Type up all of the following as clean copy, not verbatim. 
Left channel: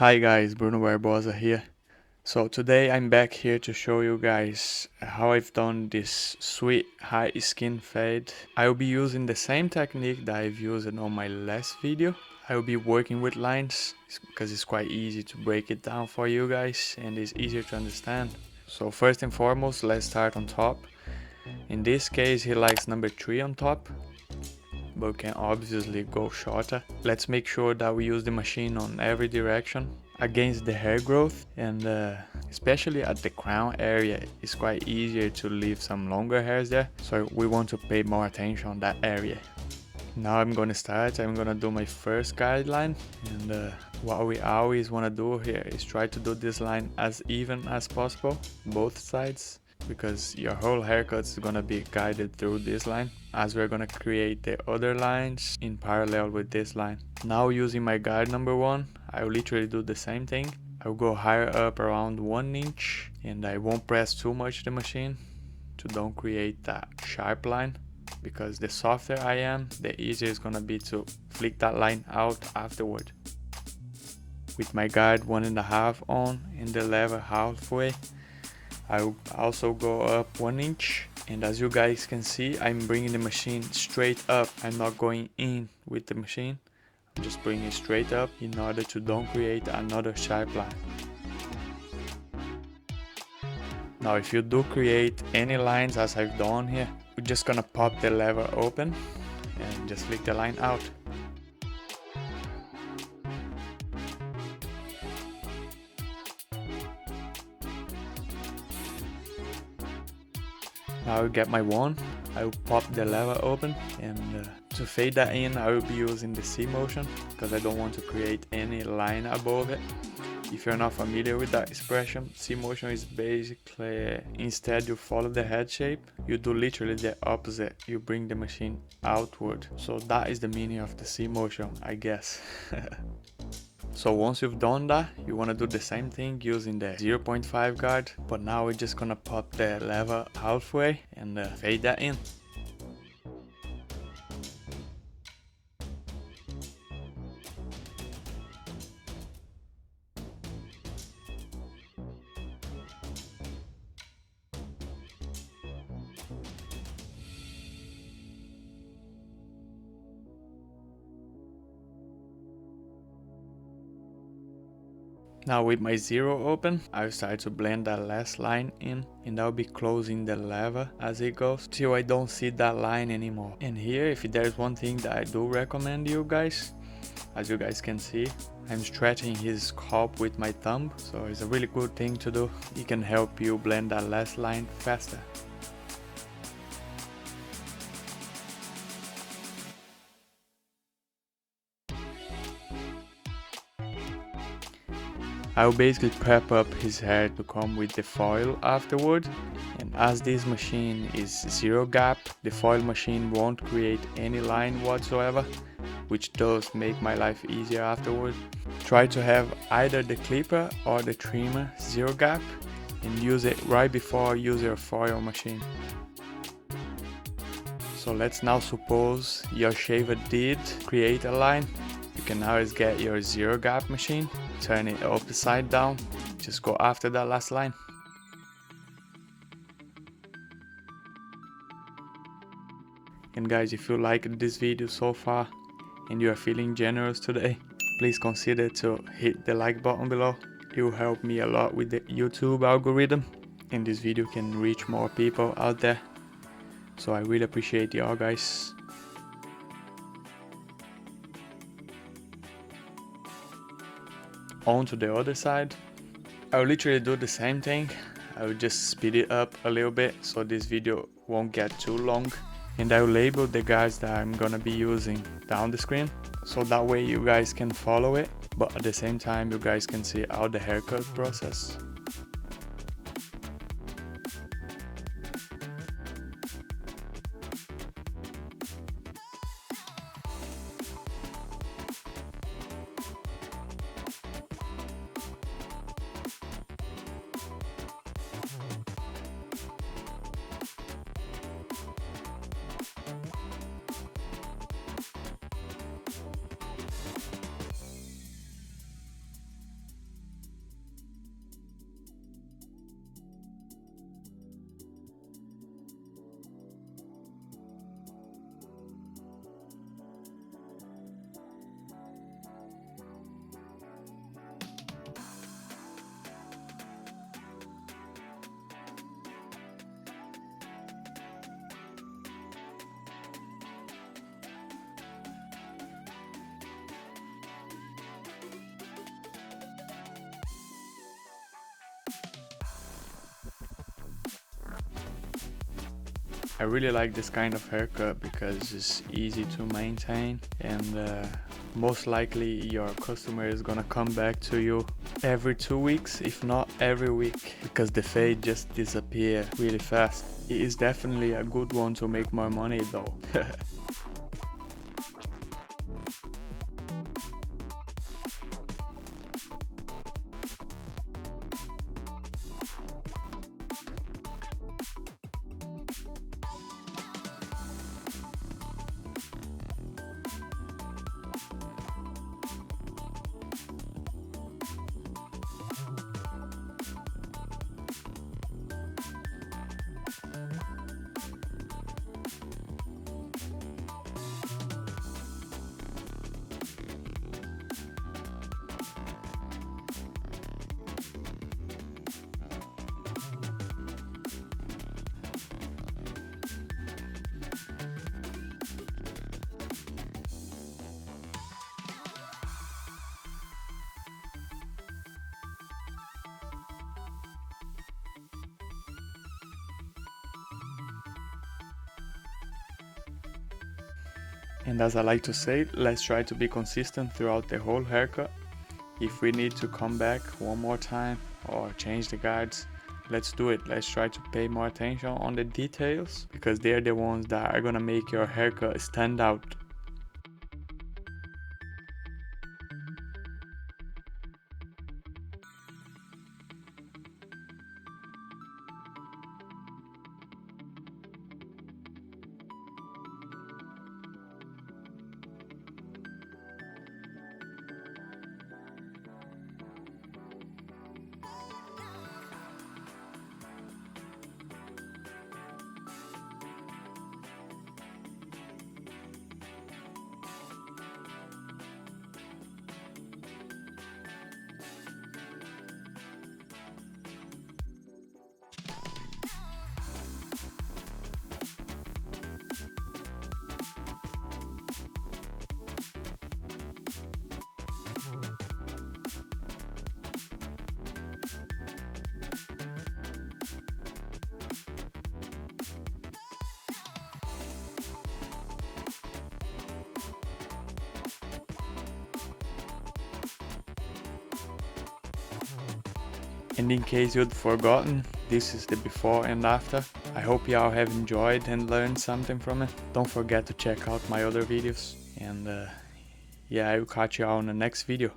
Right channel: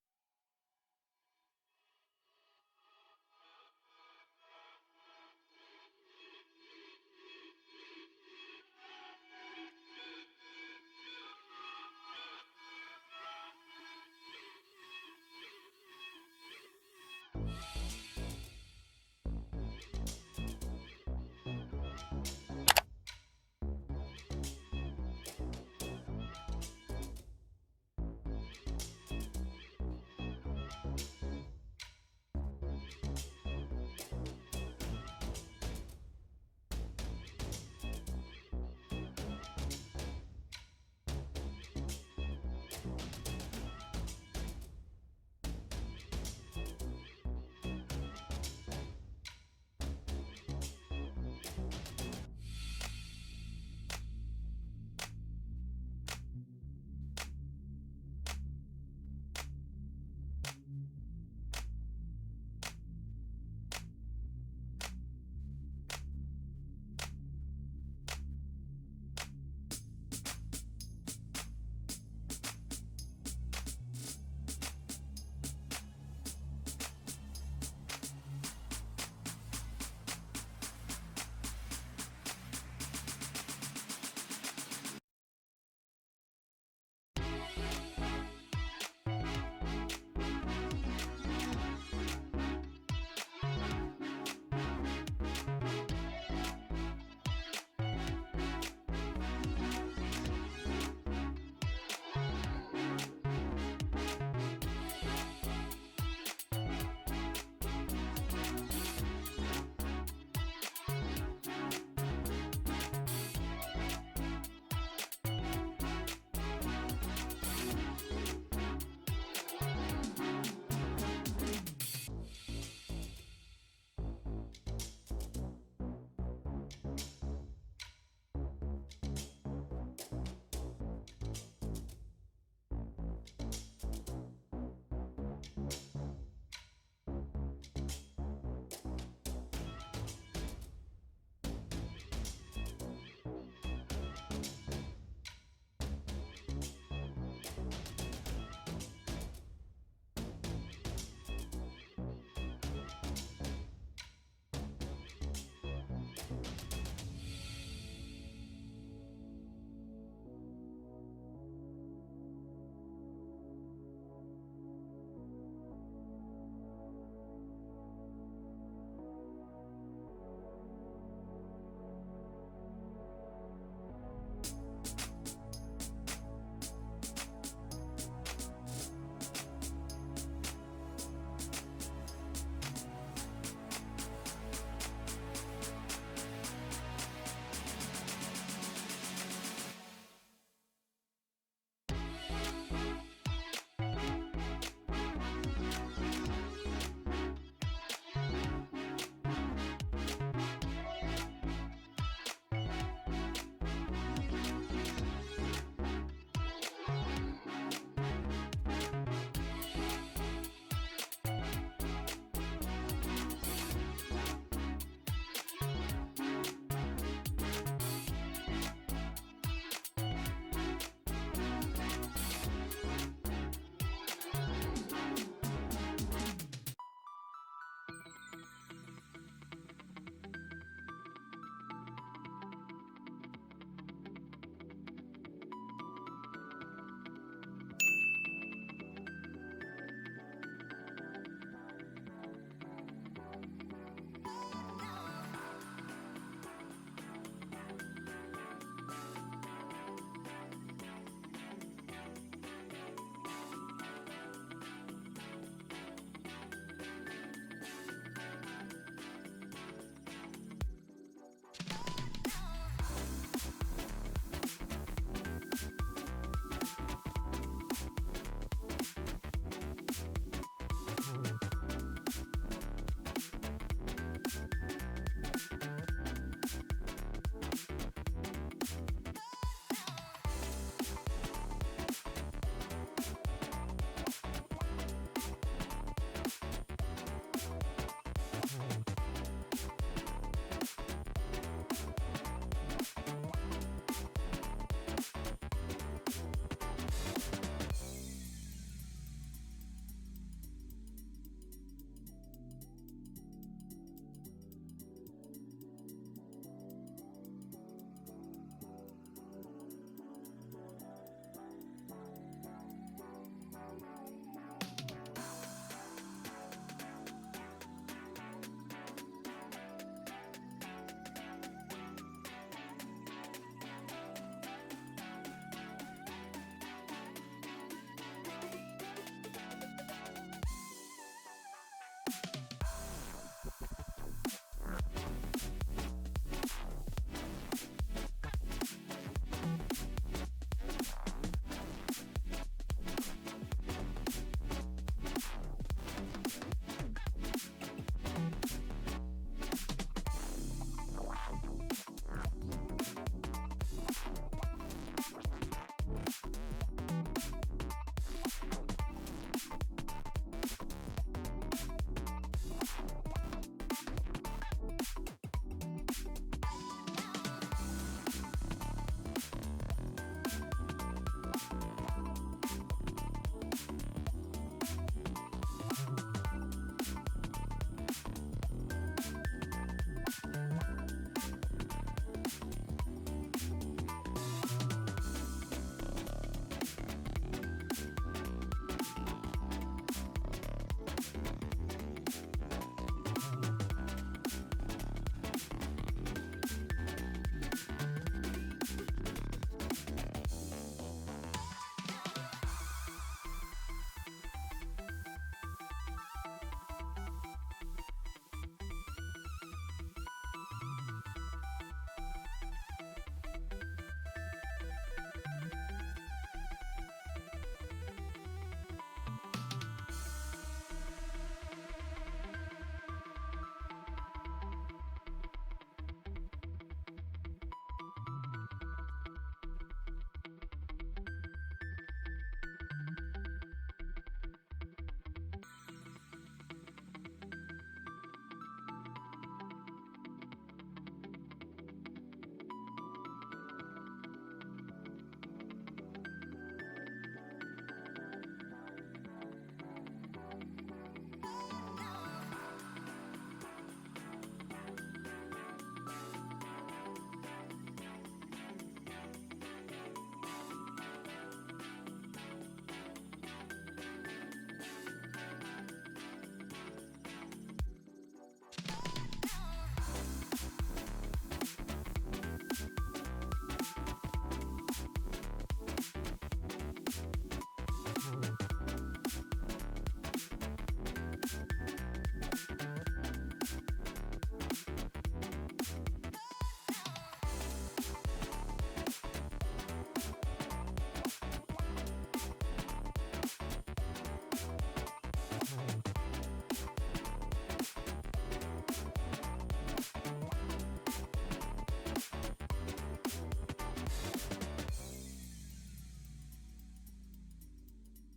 Hi guys, Bruno Barbosa here. So today I'm back here to show you guys how I've done this sweet high skin fade. I will be using the same technique that I've used on my last video. I will be working with lines because it's quite easy to break it down for you guys and it's easier to understand. So first and foremost, let's start on top. In this case he likes number 3 on top, but we can obviously go shorter. Let's make sure that we use the machine on every direction against the hair growth, and especially at the crown area it's quite easier to leave some longer hairs there, so we want to pay more attention on that area. Now I'm gonna do my first guideline, and what we always want to do here is try to do this line as even as possible, both sides, because your whole haircut is gonna be guided through this line, as we're gonna create the other lines in parallel with this line. Now using my guide number 1, I will literally do the same thing. I will go higher up around 1 inch, and I won't press too much the machine to don't create that sharp line, because the softer I am, the easier it's gonna be to flick that line out afterward. With my guide 1.5 on and the lever halfway, I will also go up 1 inch, and as you guys can see, I'm bringing the machine straight up. I'm not going in with the machine, I'm just bringing it straight up in order to don't create another sharp line. Now if you do create any lines as I've done here, we're just gonna pop the lever open and just flick the line out. Now I will get my wand, I will pop the lever open, and to fade that in I will be using the C motion because I don't want to create any line above it. If you're not familiar with that expression, C motion is basically, instead you follow the head shape, you do literally the opposite, you bring the machine outward. So that is the meaning of the C motion, I guess. So once you've done that, you want to do the same thing using the 0.5 guard, but now we're just gonna pop the lever halfway and fade that in. Now with my 0 open, I'll start to blend that last line in, and I'll be closing the lever as it goes till I don't see that line anymore. And here, if there's one thing that I do recommend you guys, as you guys can see, I'm stretching his scalp with my thumb, so it's a really good thing to do. It can help you blend that last line faster. I will basically prep up his hair to come with the foil afterward, and as this machine is 0 gap, the foil machine won't create any line whatsoever, which does make my life easier afterward. Try to have either the clipper or the trimmer 0 gap and use it right before you use your foil machine. So let's now suppose your shaver did create a line. You can always get your 0 gap machine, turn it upside down, just go after that last line. And guys, if you liked this video so far and you are feeling generous today, please consider to hit the like button below. It will help me a lot with the YouTube algorithm, and this video can reach more people out there. So I really appreciate y'all guys. On to the other side, I will literally do the same thing. I will just speed it up a little bit so this video won't get too long, and I will label the guides that I'm gonna be using down the screen, so that way you guys can follow it, but at the same time you guys can see how the haircut process. I really like this kind of haircut because it's easy to maintain, and most likely your customer is gonna come back to you every 2 weeks, if not every week, because the fade just disappears really fast. It is definitely a good one to make more money though. And as I like to say, let's try to be consistent throughout the whole haircut. If we need to come back one more time or change the guards, let's do it. Let's try to pay more attention on the details, because they're the ones that are gonna make your haircut stand out. And in case you'd forgotten, this is the before and after. I hope y'all have enjoyed and learned something from it. Don't forget to check out my other videos, and yeah, I will catch y'all on the next video.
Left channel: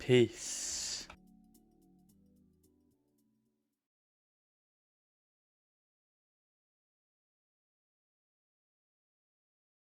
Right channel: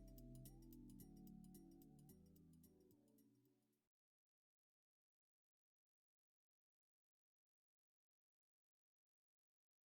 Peace.